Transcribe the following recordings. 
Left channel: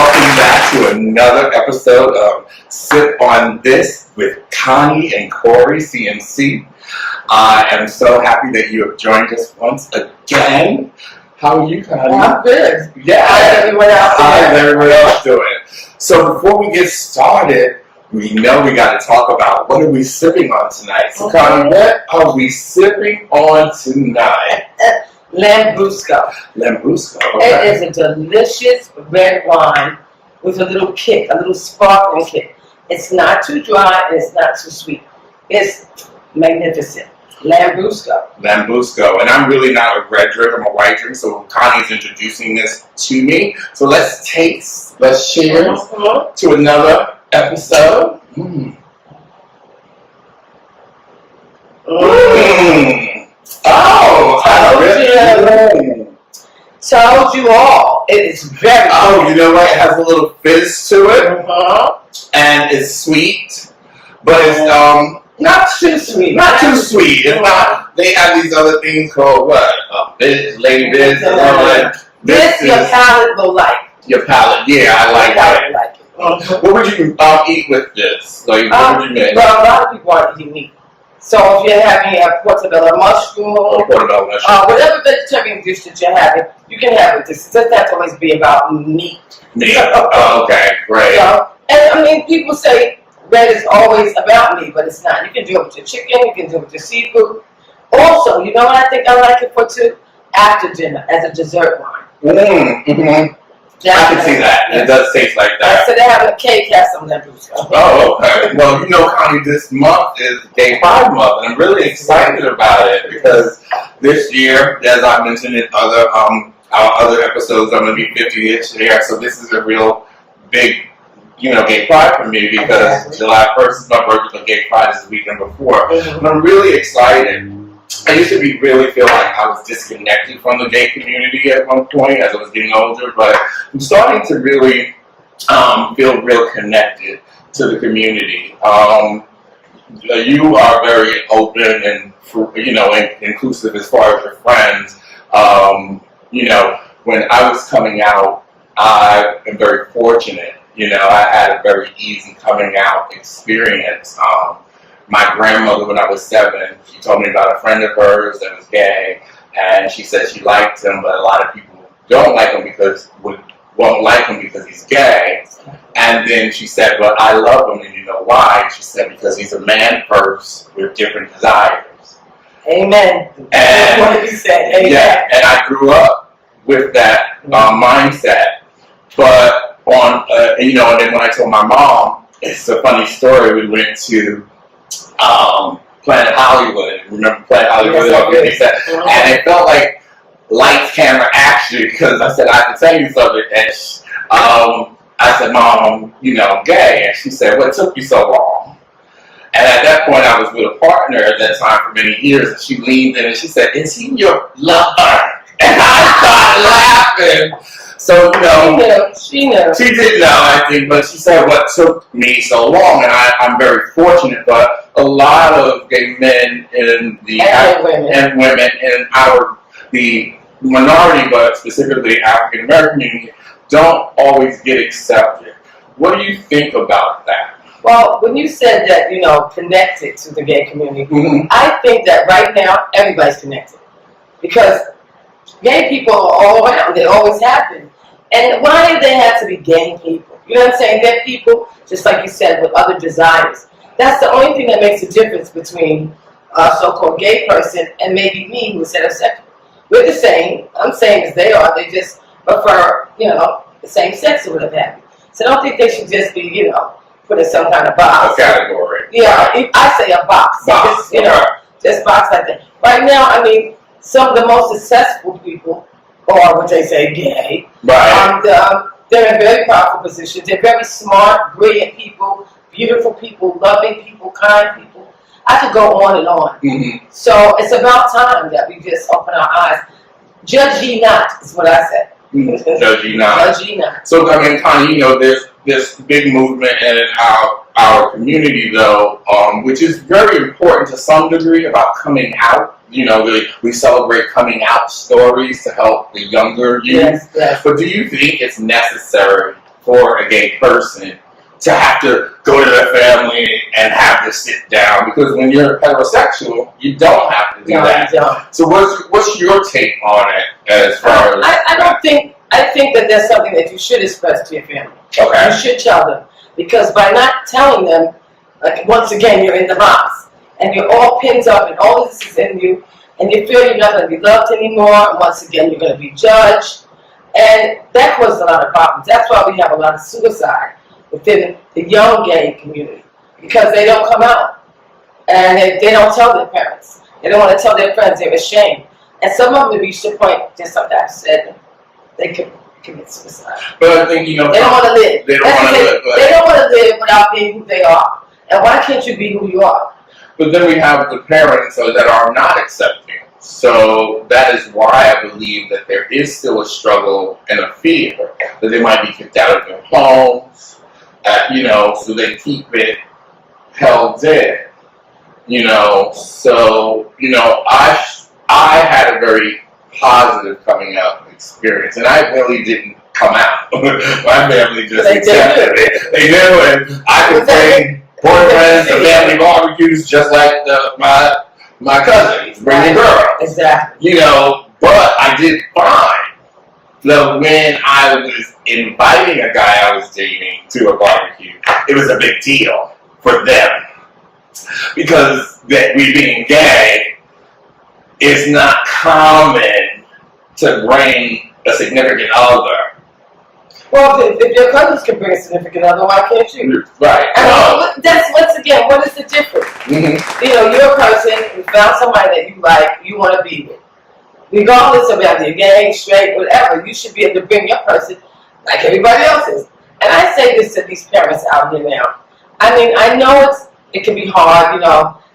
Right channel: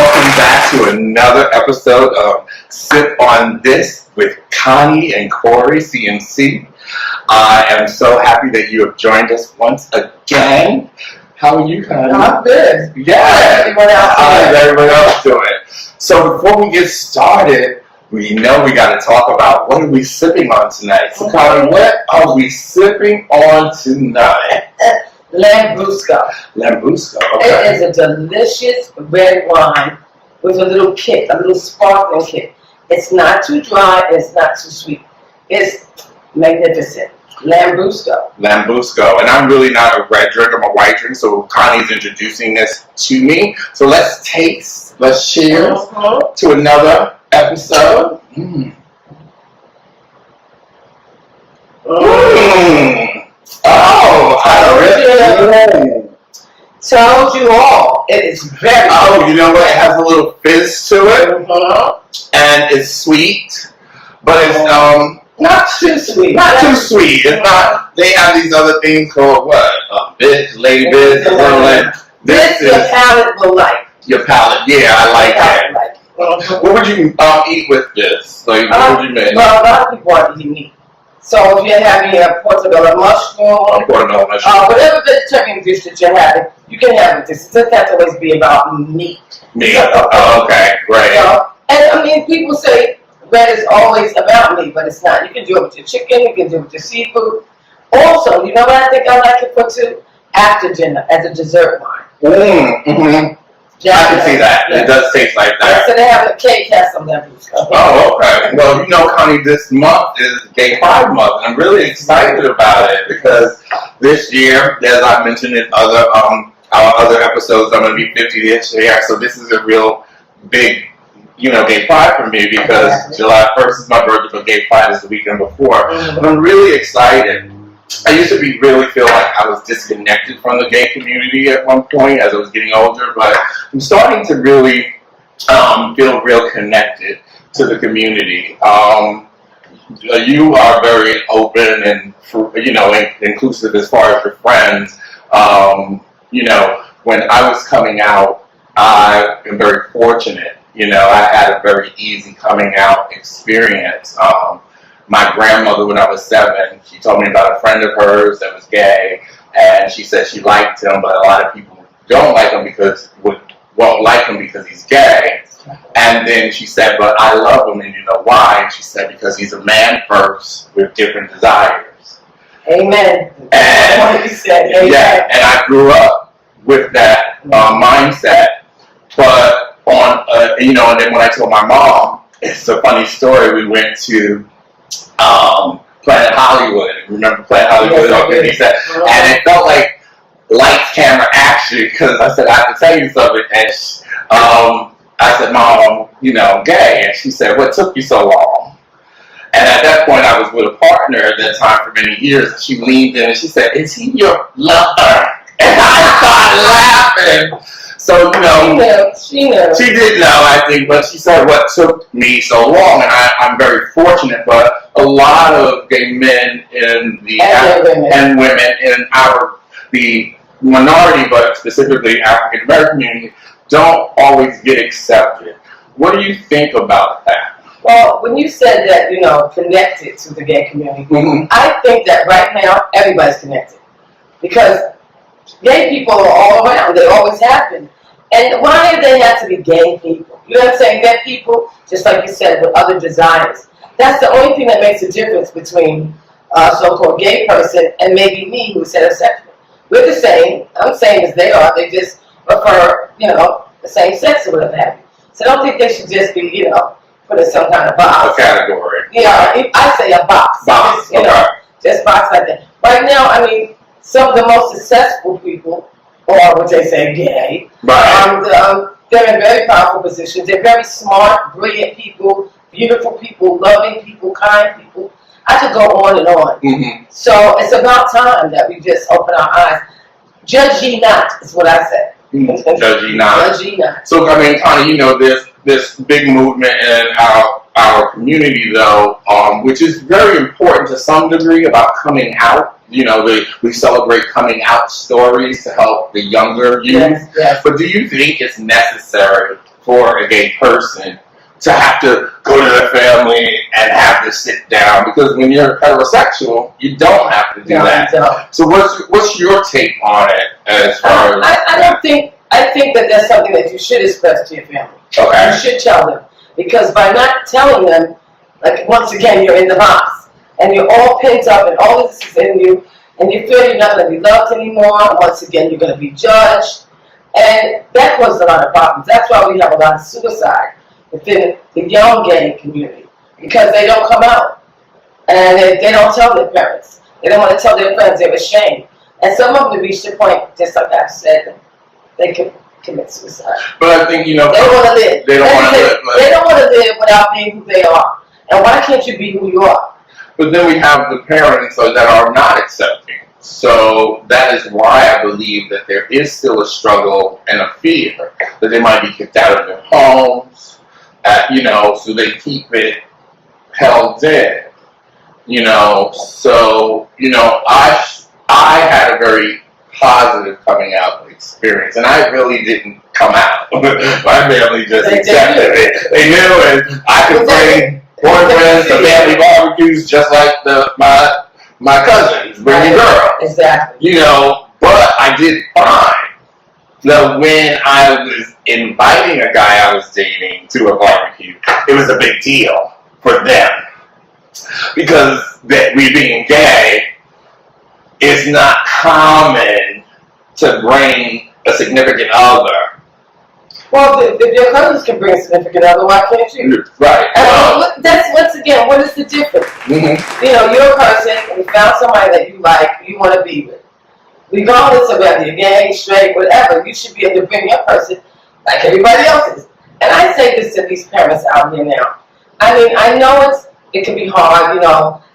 welcome back to another episode of Sip on This with Connie and Corey, CMC. I am so happy that you have joined us once again. How are you, Connie? I'm good. Yeah. How's everyone else doing? How's everyone else doing? So before we get started, we know we got to talk about what are we sipping on tonight. So Connie, what are we sipping on tonight? Lambrusco. Lambrusco, okay. It is a delicious red wine with a little kick, a little sparkling kick. It's not too dry and it's not too sweet. It's magnificent. Lambrusco. Lambrusco. And I'm really not a red drink, I'm a white drink, so Connie's introducing this to me. So let's taste, let's cheers to another episode. Oh, told you all. It is very good. You know what? It has a little fizz to it. And it's sweet. But it's not too sweet. Not too sweet. It's not. They have these other things called what? Bitch, lady bitch. This your palate will like. Your palate, yeah, I like that. What would you eat with this? Like, what would you make? Well, a lot of people want to eat meat. So if you're having a portobello mushroom, whatever vegetarian dish that you're having, you can have it. This doesn't have to always be about meat. Meat. Okay, great. And I mean, people say red is always about meat, but it's not. You can do it with your chicken. You can do it with your seafood. Also, you know what I think I like it for too? After dinner, as a dessert wine. I can see that. Yeah. It does taste like that. So they have a cake, has some Lambrusco. Oh, okay. Well, you know, Connie, this month is Gay Pride Month, and I'm really excited about it because this year, as I mentioned in our other episodes, I'm going to be 50 this year. So this is a real big, Gay Pride for me because July 1st is my birthday, but Gay Pride is the weekend before. And I'm really excited. I used to really feel like I was disconnected from the gay community at one point as I was getting older, but I'm starting to really feel real connected to the community. You are very open and inclusive as far as your friends. When I was coming out, I am very fortunate. I had a very easy coming out experience. My grandmother, when I was 7, she told me about a friend of hers that was gay, and she said she liked him, but a lot of people won't like him because he's gay. And then she said, but I love him, and you know why? And she said, because he's a man first with different desires. Amen. And, what he said. Amen. Yeah, and I grew up with that mindset. But and then when I told my mom, it's a funny story. We went to Planet Hollywood. Remember Planet Hollywood? Yes, and it felt like lights, camera, action because I said, I have to tell you something. And I said, Mom, I'm gay. And she said, what took you so long? And at that point, I was with a partner at that time for many years. And she leaned in and she said, is he your lover? And I started laughing. So, she knew. She did know, I think, but she said what took me so long, and I'm very fortunate, but a lot of gay men and women in the minority, but specifically African American community, don't always get accepted. What do you think about that? Well, when you said that, connected to the gay community, I think that right now everybody's connected because gay people are all around. They always have been. And why do they have to be gay people? You know what I'm saying? Gay people, just like you said, with other desires. That's the only thing that makes a difference between a so-called gay person and maybe me who's heterosexual. We're the same. I'm same as they are. They just prefer, the same sex or whatever have you. So I don't think they should just be, put in some kind of box. A category. Yeah, I say a box. Just box like that. Right now, I mean, some of the most successful people, or what they say gay, they're in very powerful positions. They're very smart, brilliant people, beautiful people, loving people, kind people. I could go on and on. So it's about time that we just open our eyes. Judge ye not, is what I say. Judge ye not. Judge ye not. So, I mean, Connie, there's this big movement in our community, though, which is very important to some degree about coming out. We celebrate coming out stories to help the younger youth. Yes. But do you think it's necessary for a gay person to have to go to their family and have to sit down, because when you're heterosexual, you don't have to do that. So what's your take on it as far as I think that that's something that you should express to your family. Okay. You should tell them, because by not telling them, like, once again, you're in the box and you're all pent up and all this is in you, and you feel you're not going to be loved anymore, and once again you're going to be judged, and that causes a lot of problems. That's why we have a lot of suicide within the young gay community, because they don't come out and they don't tell their parents. They don't want to tell their friends. They're ashamed, and some of them reach the point, just like I said, they can commit suicide. But I think, they don't want to live. They don't want to live. They don't want to live without being who they are. And why can't you be who you are? But then we have the parents that are not accepting. So that is why I believe that there is still a struggle and a fear that they might be kicked out of their homes, so they keep it held in. So I had a very positive coming out experience, and I really didn't come out. My family just accepted it. They knew, and I could bring boyfriends to family barbecues just like my cousins bringing girls. Exactly. But I did find that when I was inviting a guy I was dating to a barbecue, it was a big deal for them, because that we being gay, it's not common to bring a significant other. Well, if your cousins can bring a significant other, why can't you? Right. That's, once again, what is the difference? Mm-hmm. You're a person, you found somebody that you like, you want to be with. Regardless of whether you're gay, straight, whatever, you should be able to bring your person like everybody else is. And I say this to these parents out here now. I mean, I know it can be hard,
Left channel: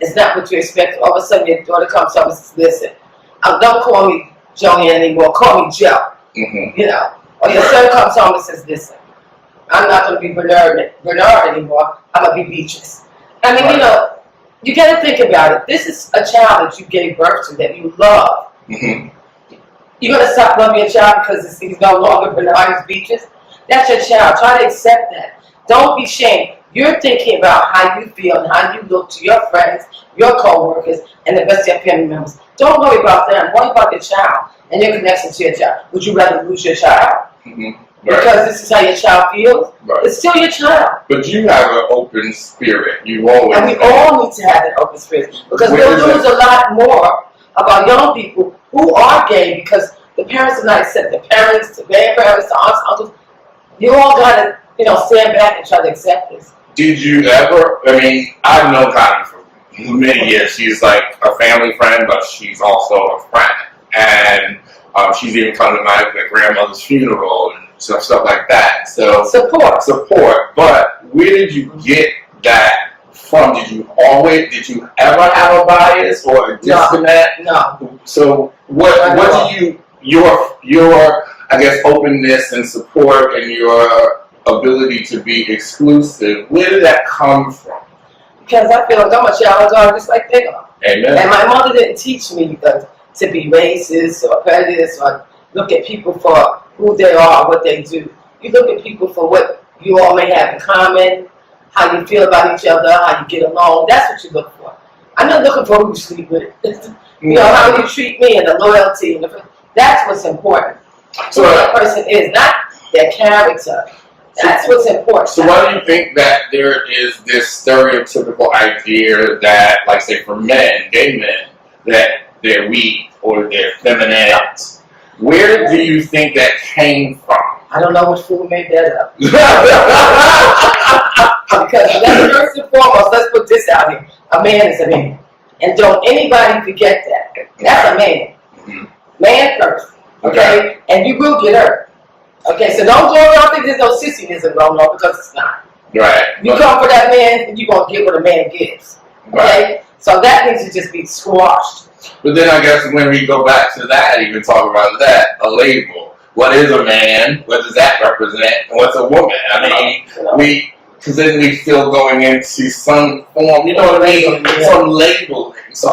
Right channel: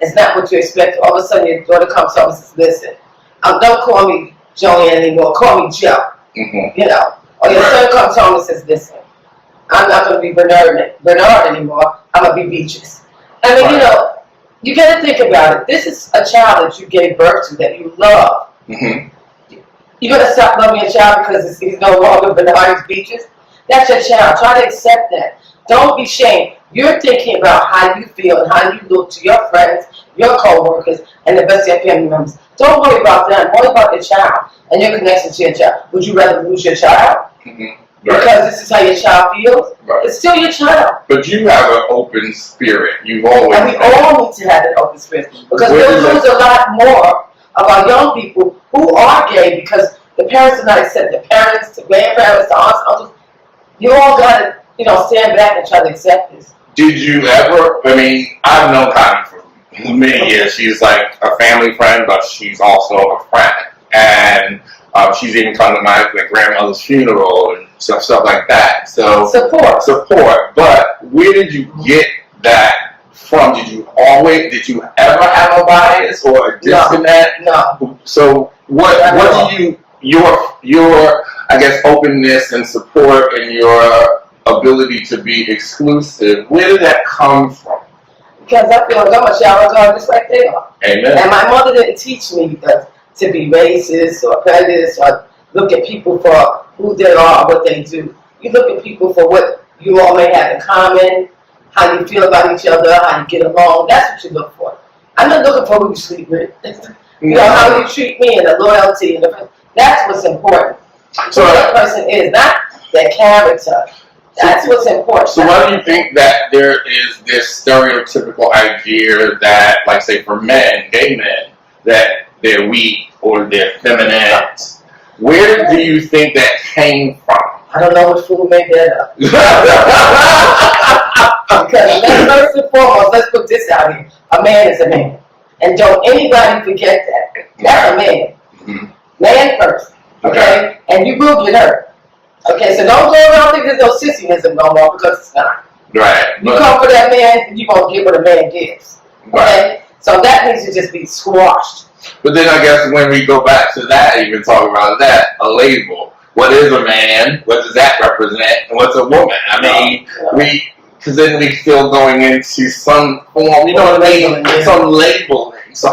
it's not what you expect. All of a sudden your daughter comes up and says, listen, don't call me Joanne anymore, call me Joe. Mm-hmm. Or your son comes home and says, listen, I'm not going to be Bernard anymore, I'm going to be Beatrice. I mean, you got to think about it. This is a child that you gave birth to, that you love. Mm-hmm. You're going to stop loving your child because he's no longer Bernard, he's Beatrice? That's your child. Try to accept that. Don't be ashamed. You're thinking about how you feel and how you look to your friends, your co-workers, and the rest of your family members. Don't worry about them. Worry about your child and your connection to your child. Would you rather lose your child? Mm-hmm. Right. Because this is how your child feels? Right. It's still your child. But you have an open spirit. You've always And we all need to have that open spirit. Because we'll lose a lot more of our young people who are gay, because the parents are not accepting. The parents, the grandparents, the aunts, uncles, you all got to, stand back and try to accept this. Did you ever, I've known Connie for many years. She's like a family friend, but she's also a friend. And she's even come to my grandmother's funeral and stuff like that. So support. But where did you get that from? Did you ever have a bias or a disconnect? No. So what do you, your I guess openness and support and your ability to be exclusive, where did that come from? Because I feel like I'm a child of God just like they are. Amen. And my mother didn't teach me to be racist or prejudiced or look at people for who they are or what they do. You look at people for what you all may have in common, how you feel about each other, how you get along. That's what you look for. I'm not looking for who you sleep with. How you treat me and the loyalty. That's what's important. So who that person is, not their character. That's what's important. So why do you think that there is this stereotypical idea that, like say for men, gay men, that they're weak or they're feminine? Where do you think that came from? I don't know which fool made that up. Because first and foremost, let's put this out here. A man is a man. And don't anybody forget that. That's a man. Mm-hmm. Man first. Okay? And you will get hurt. Okay, so don't go around thinking there's no sissyism no more, because it's not. Right. You come for that man, you're going to get what a man gives. Okay? Right. So that needs to just be squashed. But then I guess when we go back to that, even talk about that, a label. What is a man? What does that represent? And what's a woman? Because then we still going into some form, some labeling. So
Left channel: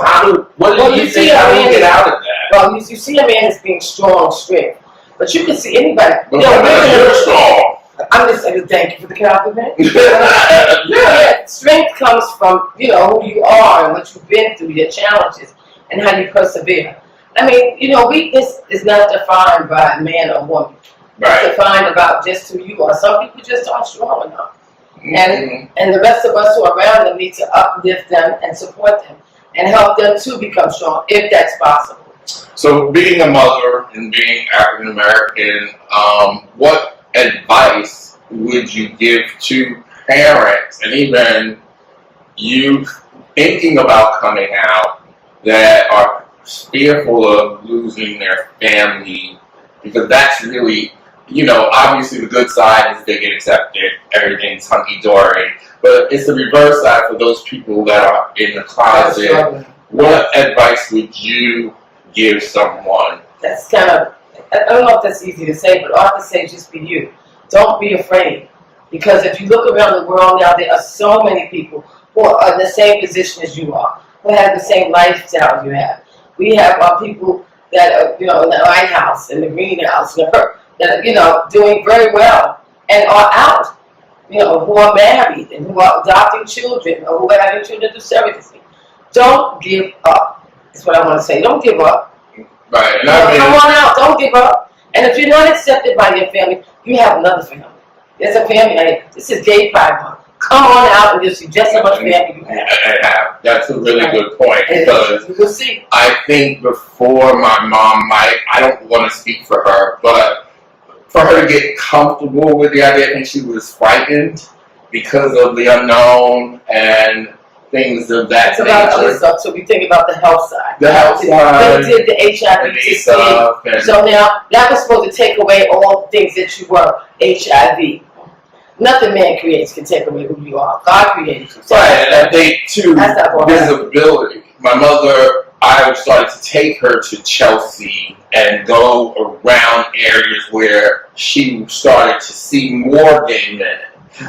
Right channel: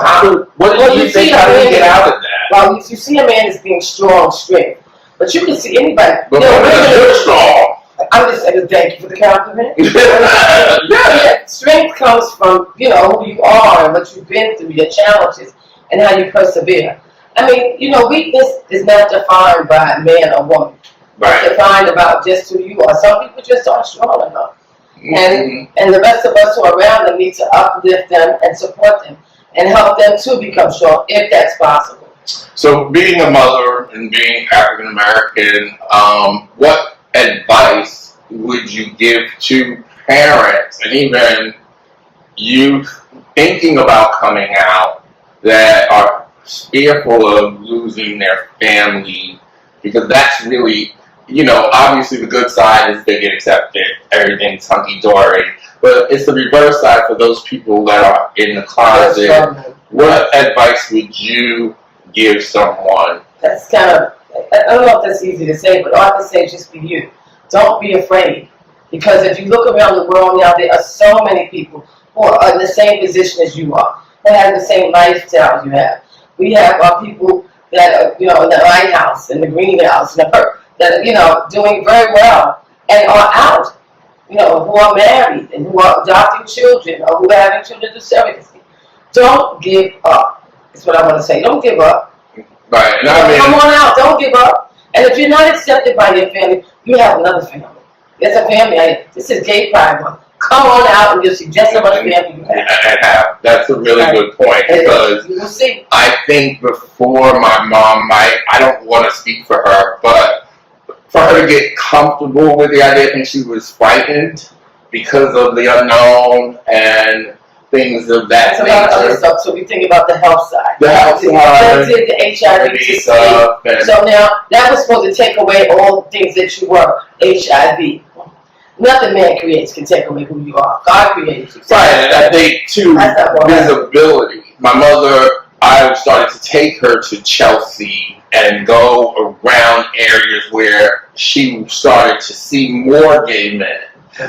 what do you think? How do we get out of that? Well, you see a man as being strong, strength. But you can see anybody. But women are strong. I'm just saying thank you for the compliment. Yeah. Strength comes from, you know, who you are and what you've been through, your challenges, and how you persevere. I mean, you know, weakness is not defined by man or woman. Right. It's defined about just who you are. Some people just aren't strong enough. And the rest of us who are around them need to uplift them and support them and help them to become strong, if that's possible. So, being a mother and being African American, what advice would you give to parents and even youth thinking about coming out that are fearful of losing their family? Because that's really, you know, obviously the good side is they get accepted, everything's hunky-dory, but it's the reverse side for those people that are in the closet. What advice would you give someone? That's kind of, I don't know if that's easy to say, but all I can say is just be you. Don't be afraid. Because if you look around the world now, there are so many people who are in the same position as you are, who have the same lifestyle you have. We have people that are, you know, in the lighthouse, in the greenhouse, that are, you know, doing very well and are out, you know, who are married and who are adopting children or who are having children through surrogacy. Don't give up. That's what I want to say. Don't give up. Right. And come on out. Don't give up. And if you're not accepted by your family, you have another family. There's a family. This is Gay Pride Month. Come on out and you'll see just how much family you have. That's a really good point, because you will see. I think before my mom, I don't want to speak for her, but for her to get comfortable with the idea, I think she was frightened because of the unknown and things of that nature. About other stuff, so we think about the health side. The health side. They did the HIV stuff. So now, that was supposed to take away all the things that you were, HIV. Nothing man creates can take away who you are. God created you. Right, and I think, too, visibility. My mother, I started to take her to Chelsea and go around areas where she started to see more gay men,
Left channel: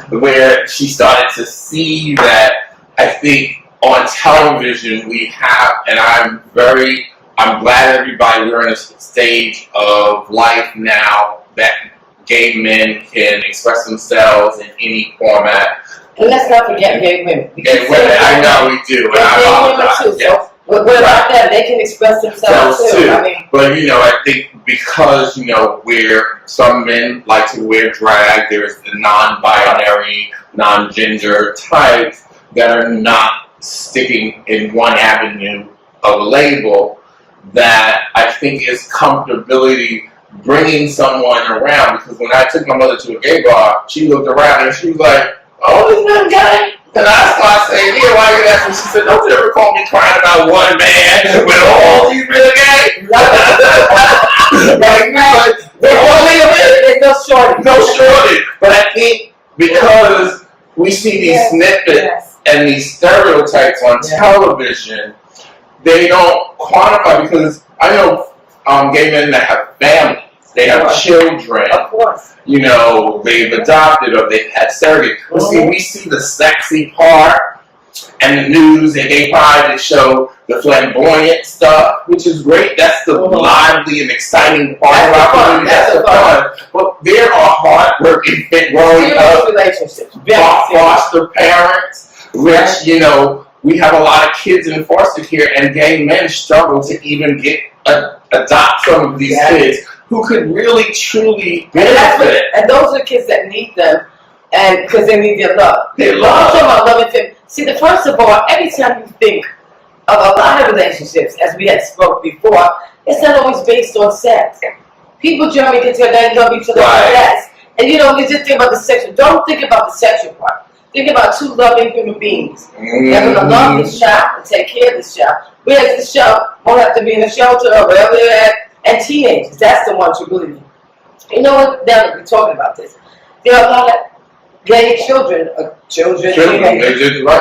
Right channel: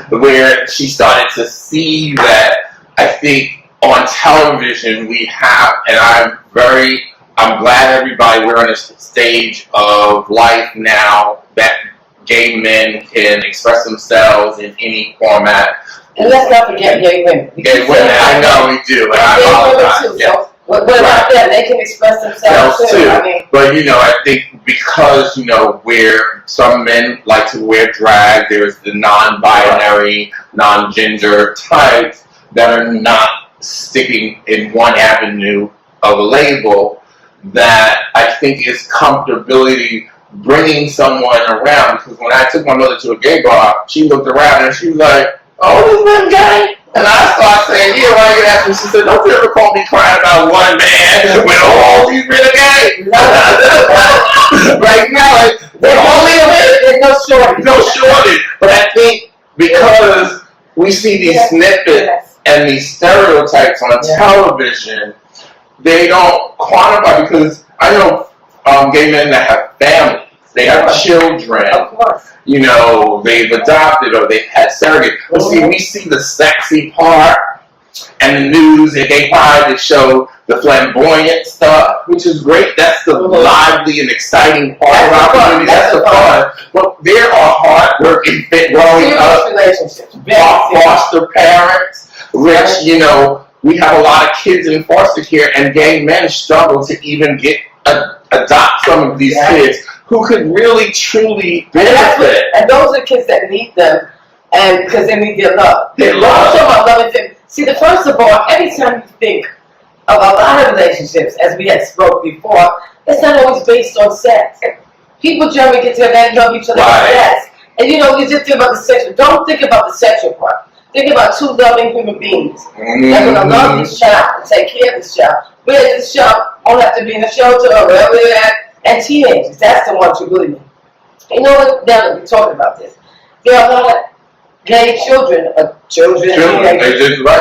where she started to see that, I think, on television we have, and I'm glad everybody, we're in a stage of life now that gay men can express themselves in any format. And let's not forget gay women. Gay women, I know we do, and I apologize. Yes. So, what about them? They can express themselves too. I mean, but you know, I think because, you know, where some men like to wear drag, there's the non-binary, non-gender types that are not sticking in one avenue of a label, that I think is comfortability bringing someone around. Because when I took my mother to a gay bar, she looked around and she was like, "Oh, this man gay?" And I started saying, "Yeah, why are you asking?" She said, "Don't you ever call me crying about one man when all these men are gay?" Right now, there's no shortage. No shortage. But I think because we see these snippets and these stereotypes on television, they don't quantify, because I know gay men that have families, they have children. Of course. You know, they've adopted or they've had surrogates. But see, we see the sexy part and the news and gay pride that show the flamboyant stuff, which is great. That's the lively and exciting part of our community. That's the fun. But there are hard-working, growing up relationships, foster parents, which, you know, we have a lot of kids in foster care, and gay men struggle to even adopt some of these kids who could really, truly benefit. And those are kids that need them, and because they need their love. Their love. I'm talking about love and family. See, first of all, every time you think of a lot of relationships, as we had spoke before, it's not always based on sex. People generally get together and love each other. Yes. And you know, you just think about the sexual. Don't think about the sexual part. Think about two loving human beings. They're going to love this child and take care of this child. Whereas this child won't have to be in a shelter or wherever they're at. And teenagers, that's the ones you really need. You know what? Now that we're talking about this, there are a lot of gay children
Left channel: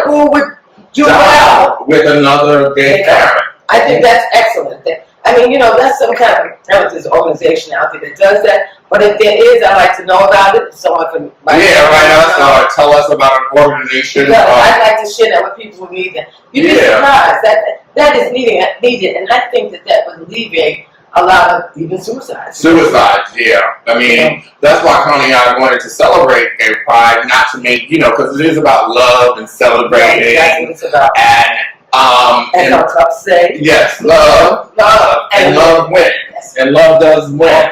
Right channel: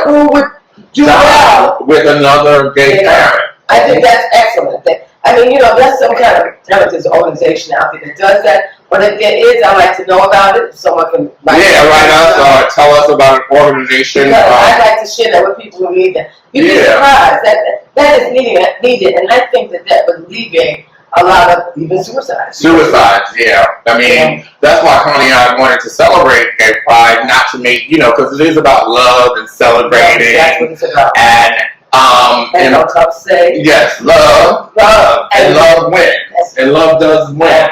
who would do well with another gay parent. I think that's excellent. I mean, you know, that's some kind of, I don't know if there's an organization out there that does that, but if there is, I'd like to know about it. Someone can write us, tell us about an organization. I'd like to share that with people who need that. You'd be surprised. That is needed, and I think that would alleviate a lot of even suicides. Suicides, yeah. I mean, that's why Connie and I wanted to celebrate Gay Pride, not to make, because it is about love and celebrating. That's what it's about. And Uncle Cup say. yes, love, and love wins. Yes. And love does win.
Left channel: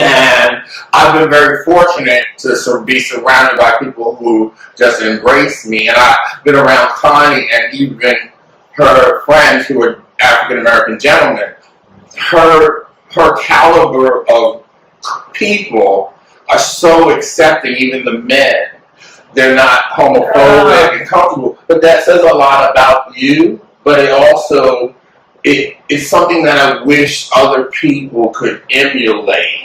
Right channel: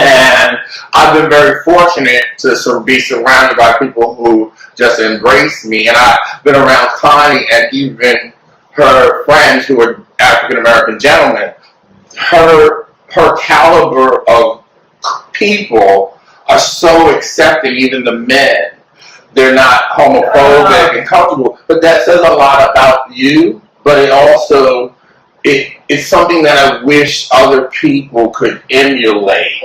And I've been very fortunate to be surrounded by people who just embrace me. And I've been around Connie and even her friends who are African American gentlemen. Her caliber of people are so accepting, even the men. They're not homophobic and comfortable. But that says a lot about you, but it also, it's something that I wish other people could emulate.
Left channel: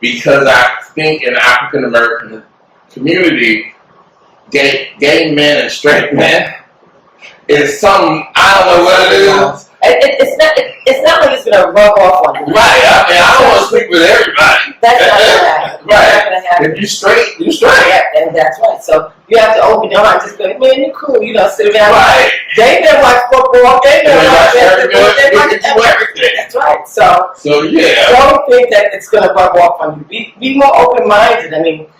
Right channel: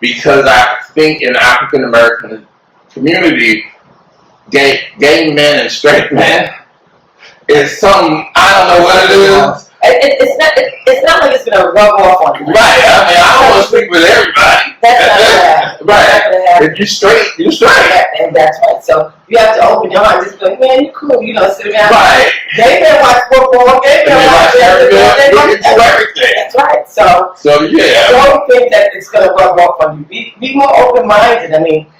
Because I think in the African American community, gay men and straight men is something, I don't know what it is. It's not like it's going to rub off on you. Right. I mean, I don't want to speak with everybody. That's not going to happen. Right. That's not going to happen. If you're straight, you're straight. And that's right. So you have to open your heart and just go, man, you cool. Sit around. Right. They may watch football. They may watch basketball. They can do everything. That's right. So yeah. Don't think that it's going to rub off on you. Be more open-minded. I mean,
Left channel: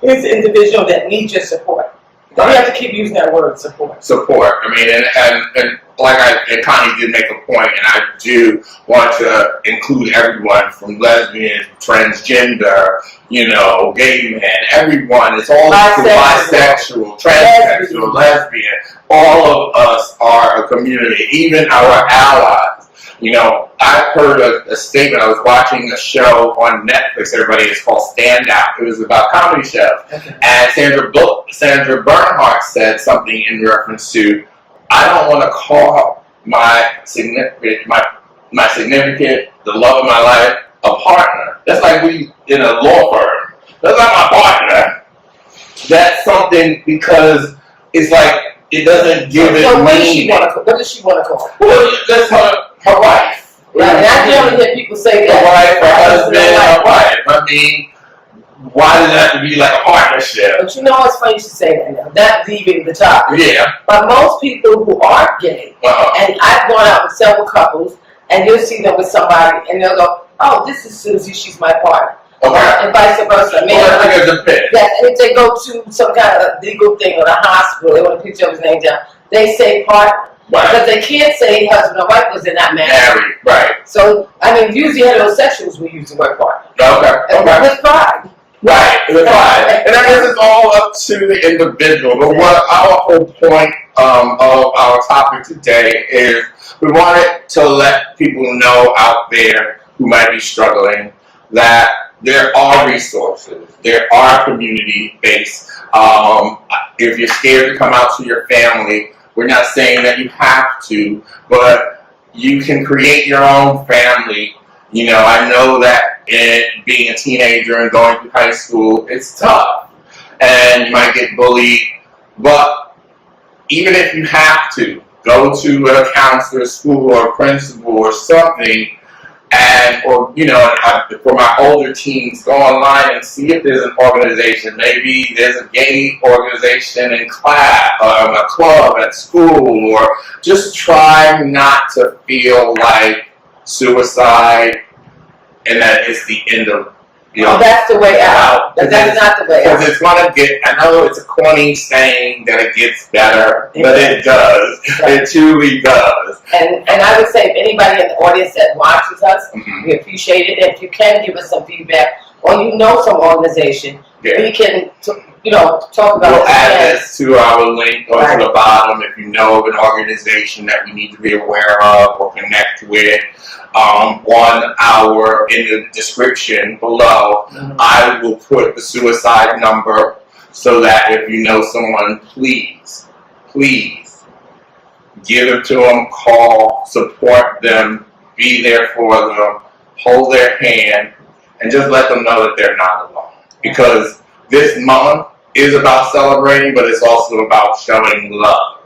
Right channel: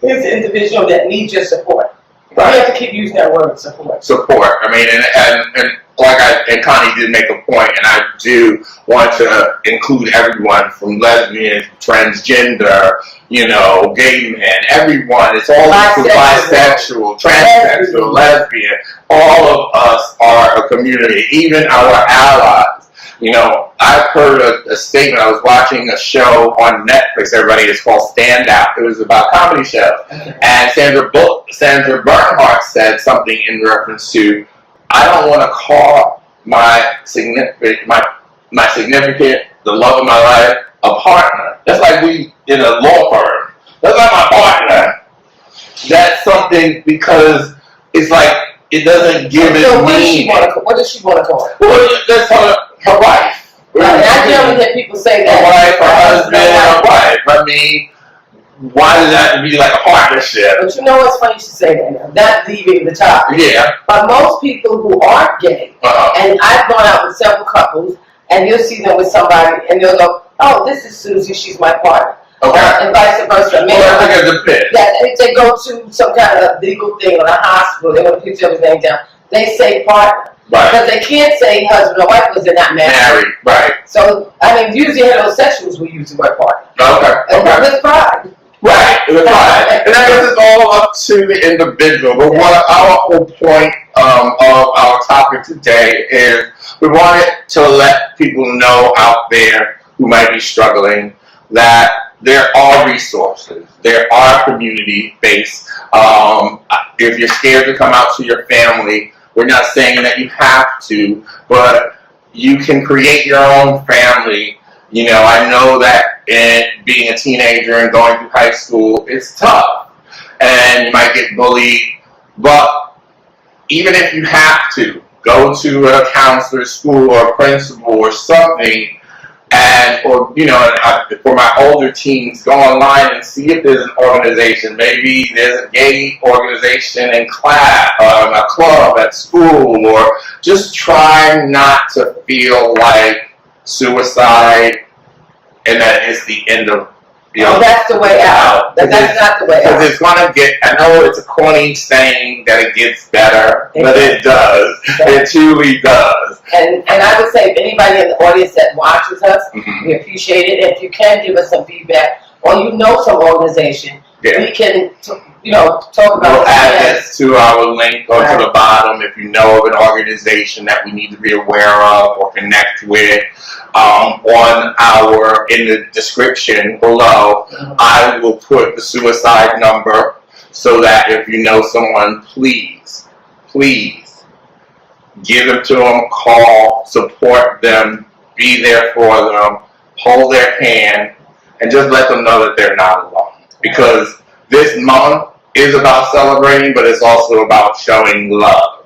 here's an individual that needs your support. Right. You have to keep using that word, support. Support. I mean, and like Connie did make a point, and I do want to include everyone from lesbian, transgender, gay men, everyone. It's all bisexual, transsexual, lesbian. All of us are a community, even our allies. I've heard a statement. I was watching a show on Netflix, everybody. It's called Stand Out. It was about comedy shows. Okay. And Sandra Bernhardt said something in reference to, I don't want to call my significant, the love of my life, a partner. That's like we in a law firm. That's like my partner. That's something, because it's like, it doesn't give it meaning. What does she want to call it? Well, that's her wife. And I generally hear people say that. Her wife, her husband, her wife. I mean, why does that have to be like a partnership? But it's funny you should say that now. Not leaving the topic. Yeah. But most people who aren't gay, and I've gone out with several couples, and you'll see them with somebody, and they'll go, oh, this is Susie, she's my partner. Okay. And vice versa. I think it's a pit. Yes, and if they go to some kind of legal thing or a hospital, they want to put his name down, they say partner. Right. Because they can't say husband or wife because they're not married. Right. So, usually heterosexuals will use the word partner. Okay. With pride. Right, with pride. And I guess it's all up to the individual. But what our whole point of our topic today is, we wanted to let people know out there who might be struggling that there are resources. There are community-based. If you're scared to come out to your family, we're not saying that you have to, but you can create your own family. I know that being a teenager and going through high school, it's tough. And you might get bullied. But even if you have to, go to a counselor, school, or a principal or something, for my older teens, go online and see if there's an organization. Maybe there's a gay organization in class, a club at school, or just try not to feel like suicide and that it's the end of, that's the way out. That's not the way out. Because it's going to get, I know it's a corny saying that it gets better, but it does. It truly does. And I would say if anybody in the audience that watches us, we appreciate it. And if you can give us some feedback, or some organization, we can, talk about We'll add this to our link or to the bottom if you know of an organization that we need to be aware of or connect with. In the description below, I will put the suicide number so that if you know someone, please give them to them, call, support them, be there for them, hold their hand, and just let them know that they're not alone. Because this month is about celebrating, but it's also about showing love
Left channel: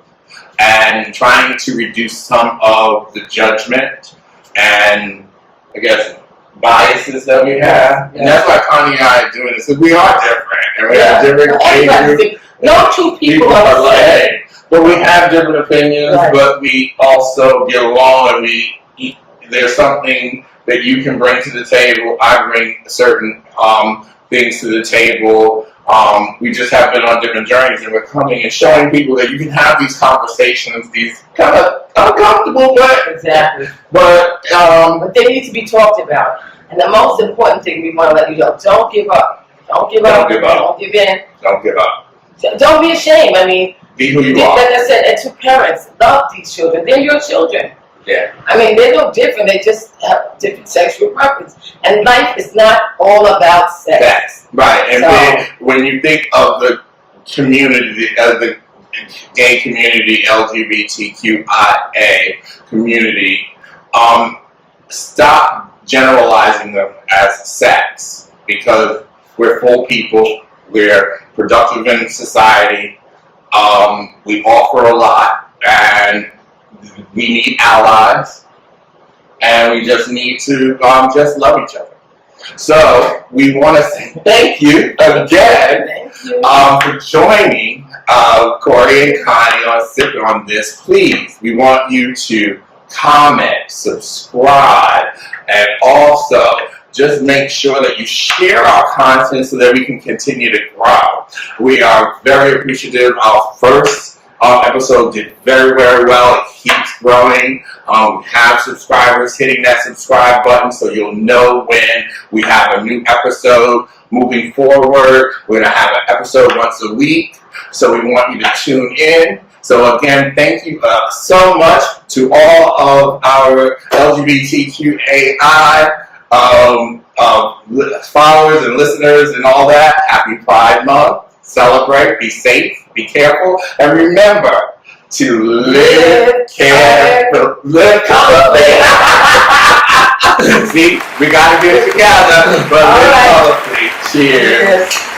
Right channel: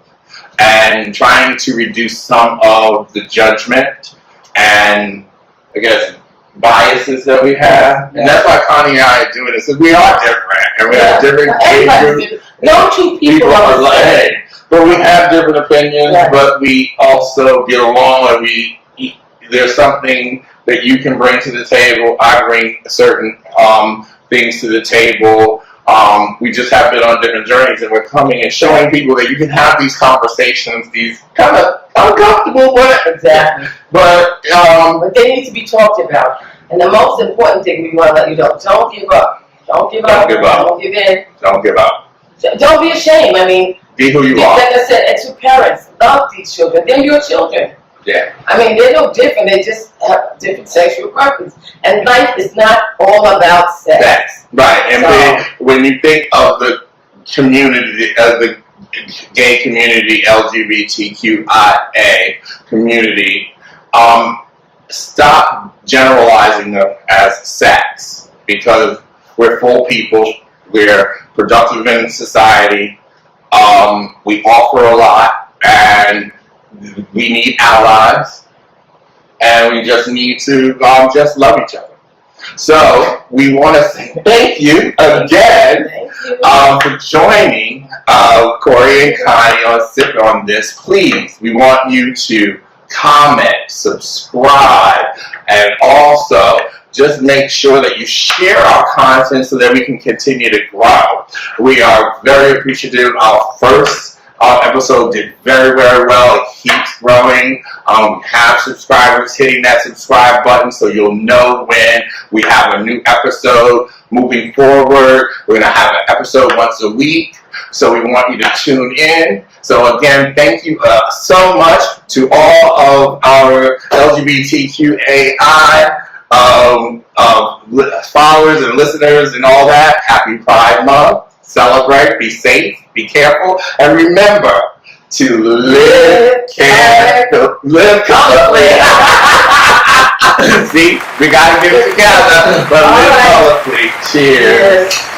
and trying to reduce some of the judgment and, I guess, biases that we have. And that's why Connie and I are doing this, because we are different, and we have different age. No two people are the same. But we have different opinions, but we also get along, and there's something that you can bring to the table. I bring certain things to the table. We just have been on different journeys, and we're coming and showing people that you can have these conversations, these kind of uncomfortable, but they need to be talked about. And the most important thing we want to let you know: don't give up. Don't give up. Don't give in. Don't give up. Don't be ashamed. I mean, be who you are. Like I said, and to parents, love these children. They're your children. Yeah. I mean, they're no different. They just have different sexual preference. And life is not all about sex. Right. And then when you think of the community, the gay community, LGBTQIA community, stop generalizing them as sex, because we're full people. We're productive in society. We offer a lot, and we need allies, and we just need to just love each other. So we want to say thank you again for joining Corey and Connie on this. Please, we want you to comment, subscribe, and also just make sure that you share our content so that we can continue to grow. We are very appreciative. Our first episode did very, very well. It keeps growing. We have subscribers hitting that subscribe button, so you'll know when we have a new episode. Moving forward, we're going to have an episode once a week, so we want you to tune in. So again, thank you so much to all of our LGBTQAI followers and listeners and all that. Happy Pride Month. Celebrate, be safe, be careful, and remember to live colorfully. See, we got to get it together, but live colorfully. Cheers. Yes.